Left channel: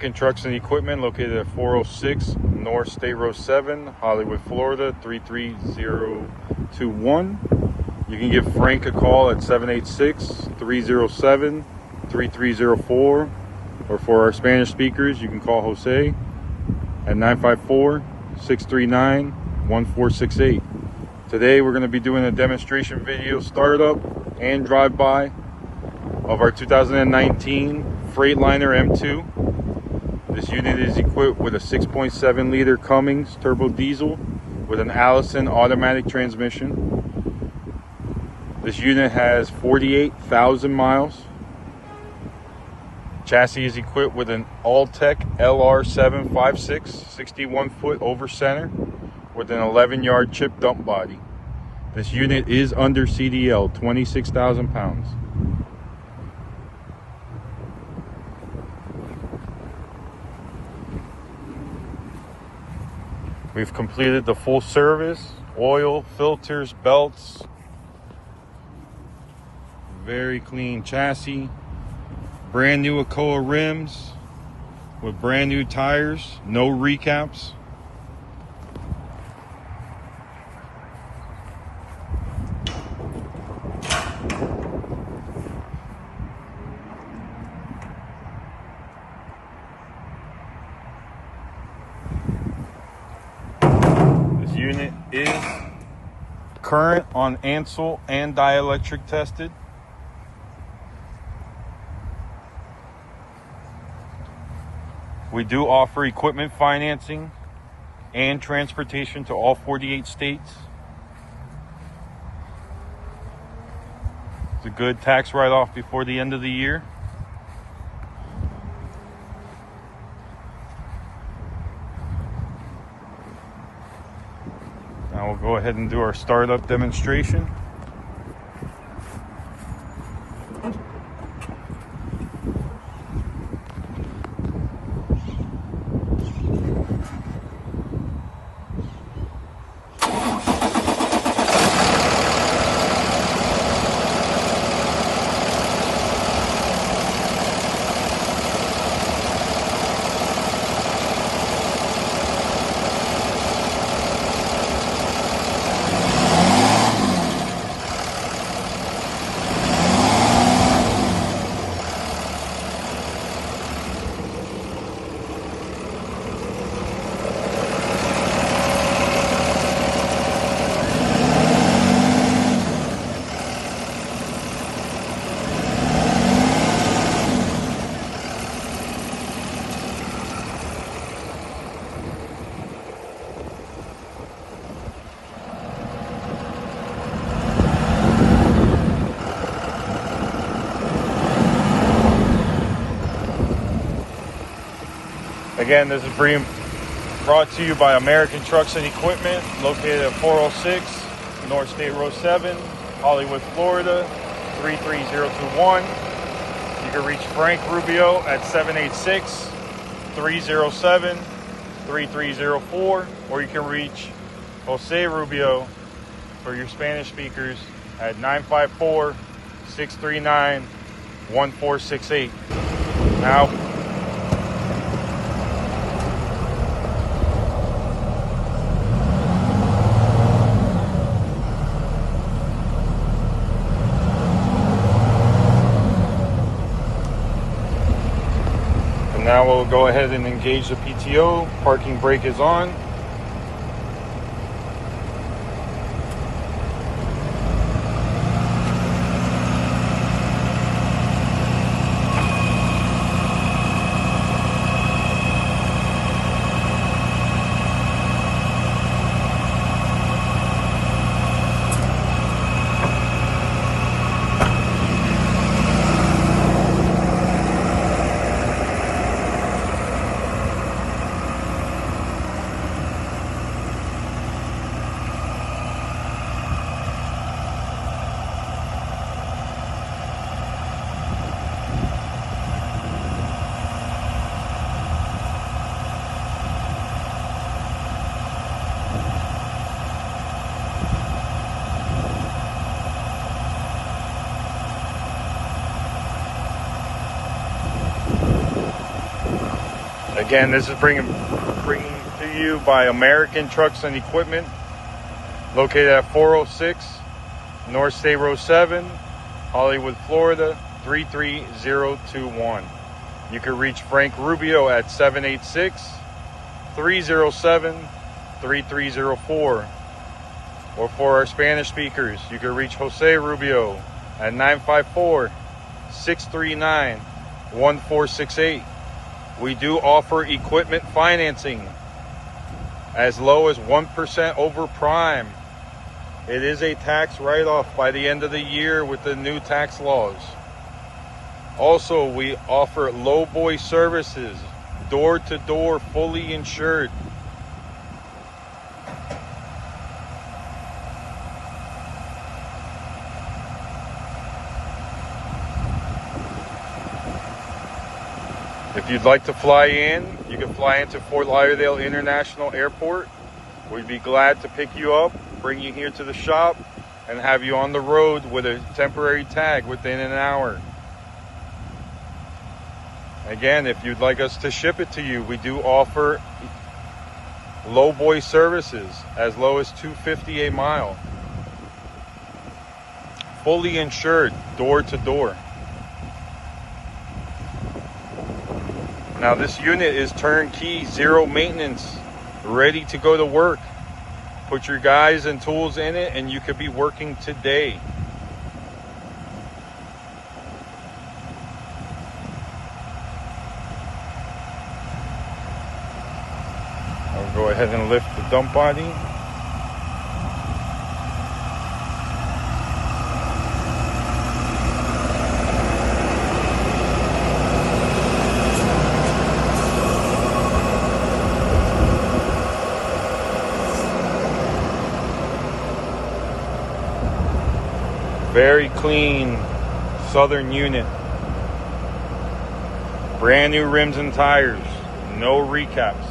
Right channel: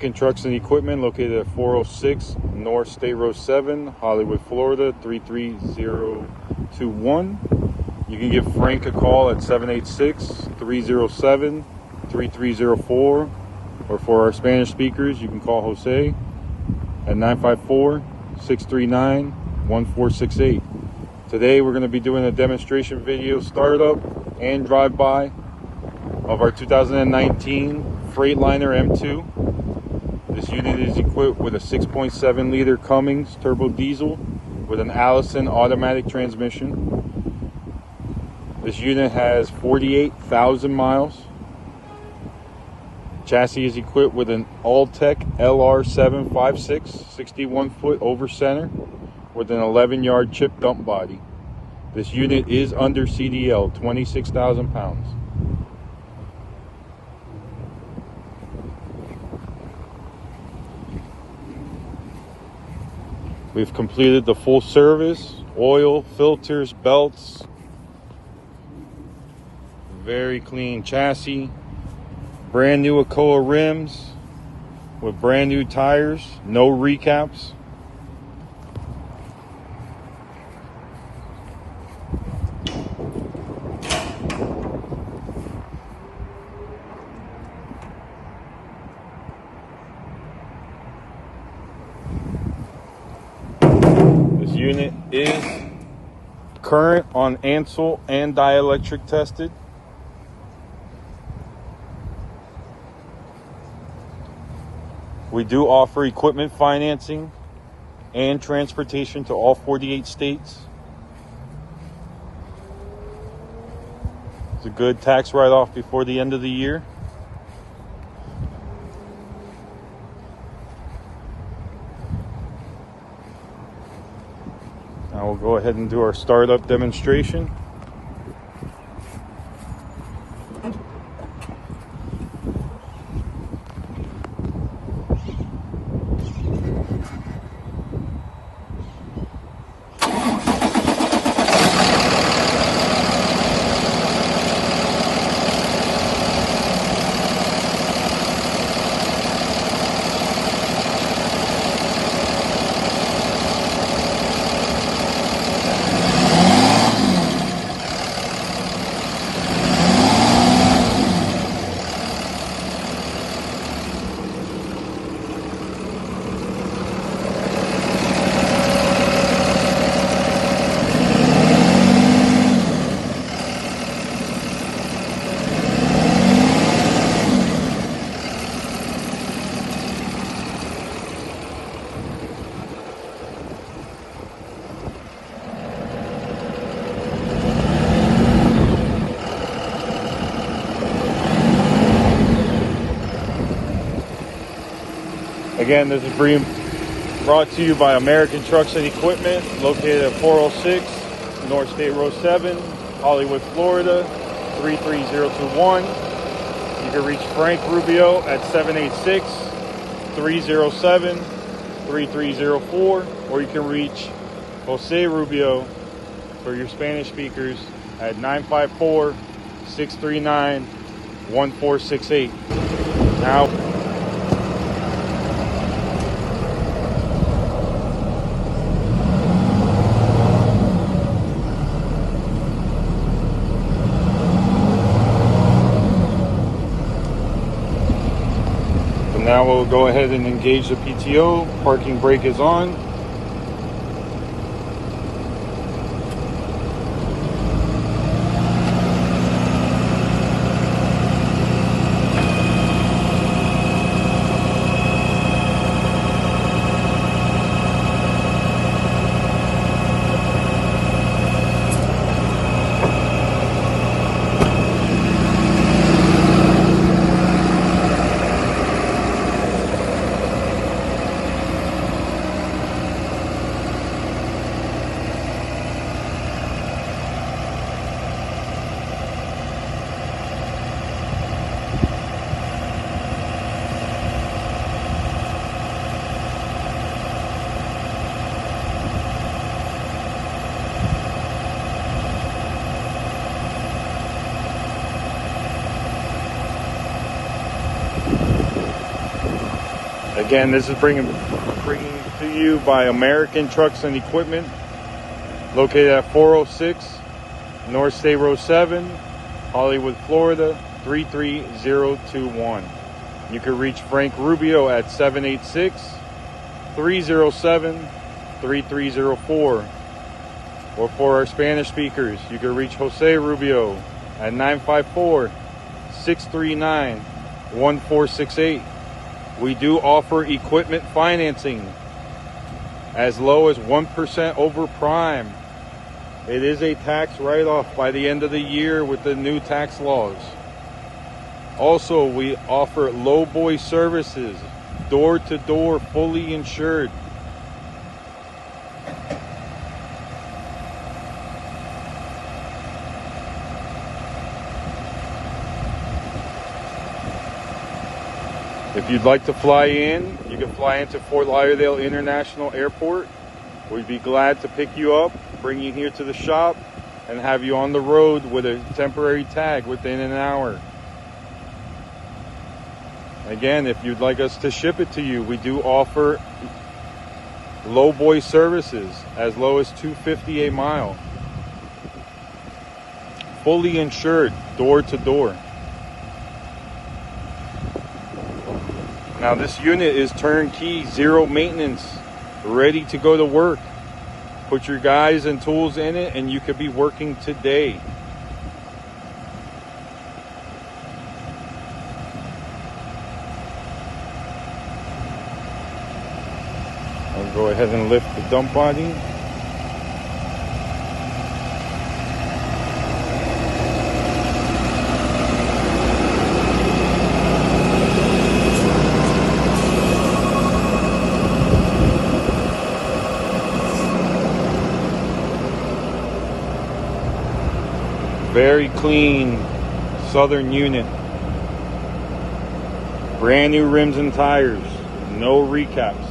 American Trucks and Equipment, located at 406 North State Road 7, Hollywood, Florida 33021. You can give Frank a call at 786-307-3304, or for our Spanish speakers, you can call Jose at 954-639-1468. Today we're going to be doing a demonstration video startup and drive-by of our 2019 Freightliner M2. This unit is equipped with a 6.7 liter Cummins turbo diesel with an ALLISON automatic transmission. This unit has 48,000 miles. Chassis is equipped with an Altec Lr756 61Ft over center with an 11-yard chip dump body. This unit is under CDL, 26,000 pounds. We've completed the full service, oil, filters, belts. Very clean chassis. Brand new ACOLA rims with brand new tires, no recaps. This unit is current on ANSUL and dielectric tested. We do offer equipment financing and transportation to all 48 states. It's a good tax write-off before the end of the year. Now we'll go ahead and do our startup demonstration. Again, this is brought to you by American Trucks and Equipment, located at 406 North State Road 7, Hollywood, Florida 33021. You can reach Frank Rubio at 786-307-3304, or you can reach Jose Rubio for your Spanish speakers at 954-639-1468. Now, we'll go ahead and engage the PTO. Parking brake is on. Again, this is bringing to you by American Trucks and Equipment, located at 406 North State Road 7, Hollywood, Florida 33021. You can reach Frank Rubio at 786-307-3304. Or for our Spanish speakers, you can reach Jose Rubio at 954-639-1468. We do offer equipment financing as low as 1% over prime. It is a tax write-off by the end of the year with the new tax laws. Also, we offer lowboy services, door-to-door, fully insured. If you'd like to fly in, you can fly into Fort Lauderdale International Airport. We'd be glad to pick you up, bring you here to the shop, and have you on the road with a temporary tag within an hour. Again, if you'd like us to ship it to you, we do offer lowboy services as low as $250 a mile. Fully insured, door to door. Now this unit is turnkey, zero maintenance, ready to go to work. Put your guys and tools in it and you could be working today. We'll go ahead and lift the dump body. Very clean Southern unit. Brand new rims and tires. No recaps.